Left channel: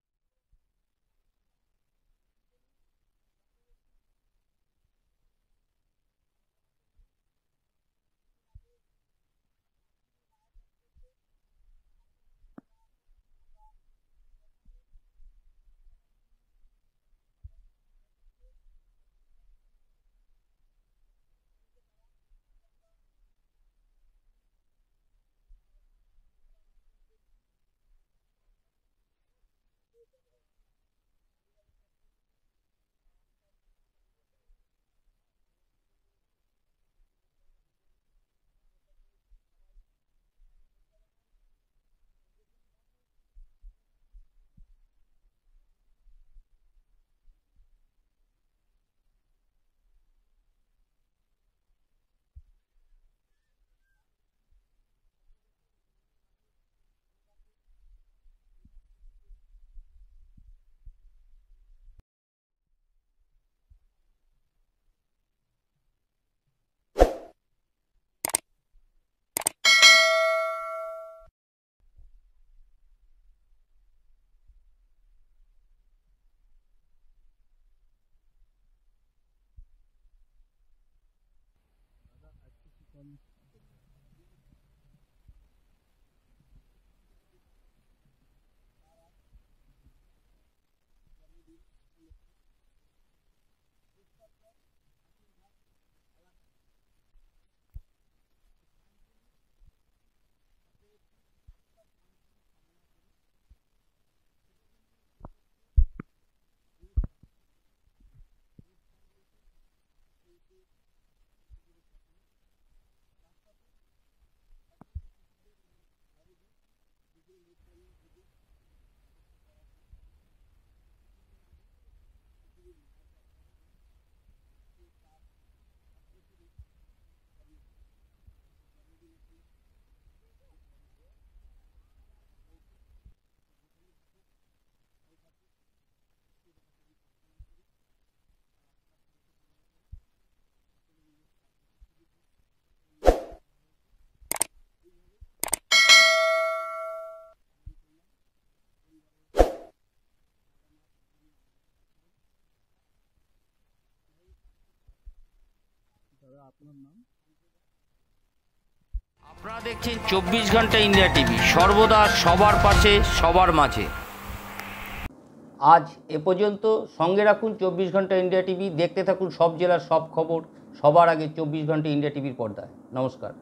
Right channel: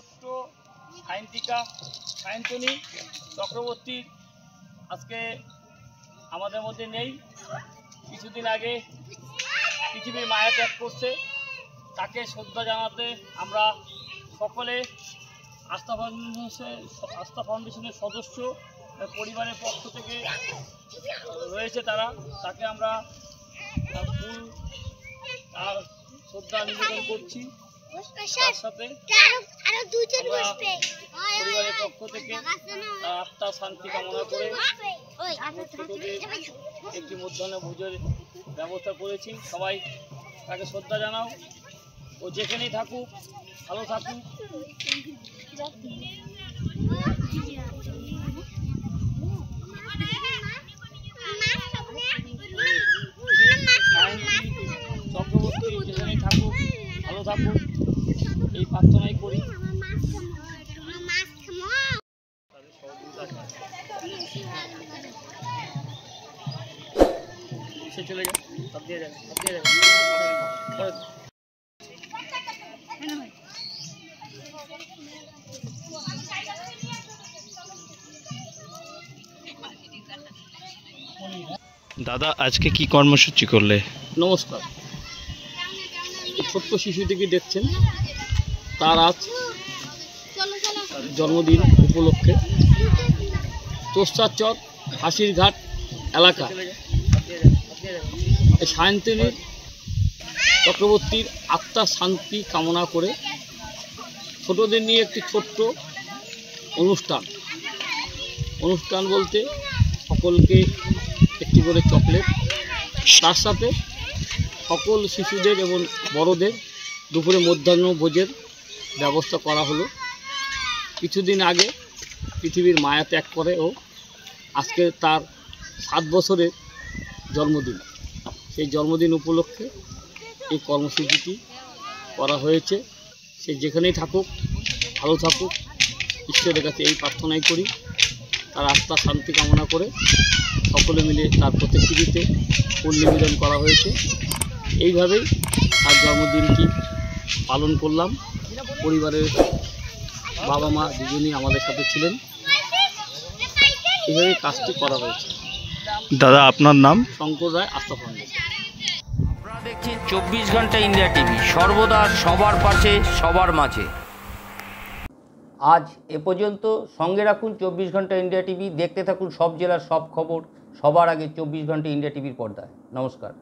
ছোট্ট সায়ন্তিকা সায়ন্তনী চক্রবর্তী আজকে আমাদের মধ্যে নেই। কিছুদিন আগে পৃথিবীর মায়া ত্যাগ করছে। তাকে শ্রদ্ধা জানাতে আমরা সকলে আস্থা ফাউন্ডেশনের সদস্য পরিবারের পক্ষ থেকে রয়েছে তারা, তাকে আমরা ফুল আর শ্রদ্ধা নিবেদন করছি। তার সাথে পরিবারের পক্ষ থেকে আত্মার শান্তি কামনা করে একটি মধ্যাহ্ন ভোজের ব্যবস্থা করেছি। সবাই তাকে শ্রদ্ধা জানাও। ও যেখানেই থাকুক ভালো থাকুক। চক্রবর্তী যেখানেই থাকুক ভালো থাকুক এই প্রার্থনাই করি। সে চলে যায়, সব দিয়ে যাবে, সব দিয়ে যাবে। দাদা আজকে কি কর্মসূচি করলে? নমস্কার। ছোট্ট শিশুটিকে দেখছেন, তার আজ জন্মদিন উপলক্ষে তোষাচর হাসিরঘাট এলাকা সায়ন্তনী চক্রবর্তীর আত্মার শান্তি কামনা করে ছোটদের নিয়ে একটি ছোট্ট অনুষ্ঠান বলতে সকলকে একটি করে চকলেট, তার সাথে সকল শিশুদের এবং বড়দের দুপুরে মধ্যাহ্ন ভোজের ব্যবস্থা করা হলো। কিছুদিন আগে পৃথিবীর মায়া ত্যাগ করে ও আজকে তার 7 বছরের জন্মদিন। সেই জন্মদিন উপলক্ষে এই কর্মসূচিটি করা হয়েছে। সে যেখানেই থাকুক ভালো থাকুক, ঈশ্বরের কাছে এই প্রার্থনাই করি। তার আত্মার শান্তি কামনা করে সকলে মিলে তার প্রতিকৃতিতে ফুল নিবেদন করা হয়েছে। এইভাবেই তার জন্মদিনটি পালন করলাম। পরিবারের বাবা মা দুজনেই আমাদের সাথে ছিলেন। এইভাবেই কাজটি করা হয়েছে। দাদা আপনার নাম? শঙ্কর রায়, আস্থা ফাউন্ডেশন। আপনারা দেখছেন 24 ঘন্টা ইন্ডিয়া টিভি, সর্বদা সবার পাশে সবার মাঝে। আজ এ পর্যন্ত। সঙ্গে রাখুন 24 ঘন্টা ইন্ডিয়া টিভি। দেখতে থাকুন সব জেলার সব খবর সবার আগে 24 ঘন্টা ইন্ডিয়া টিভির পর্দায়। নমস্কার।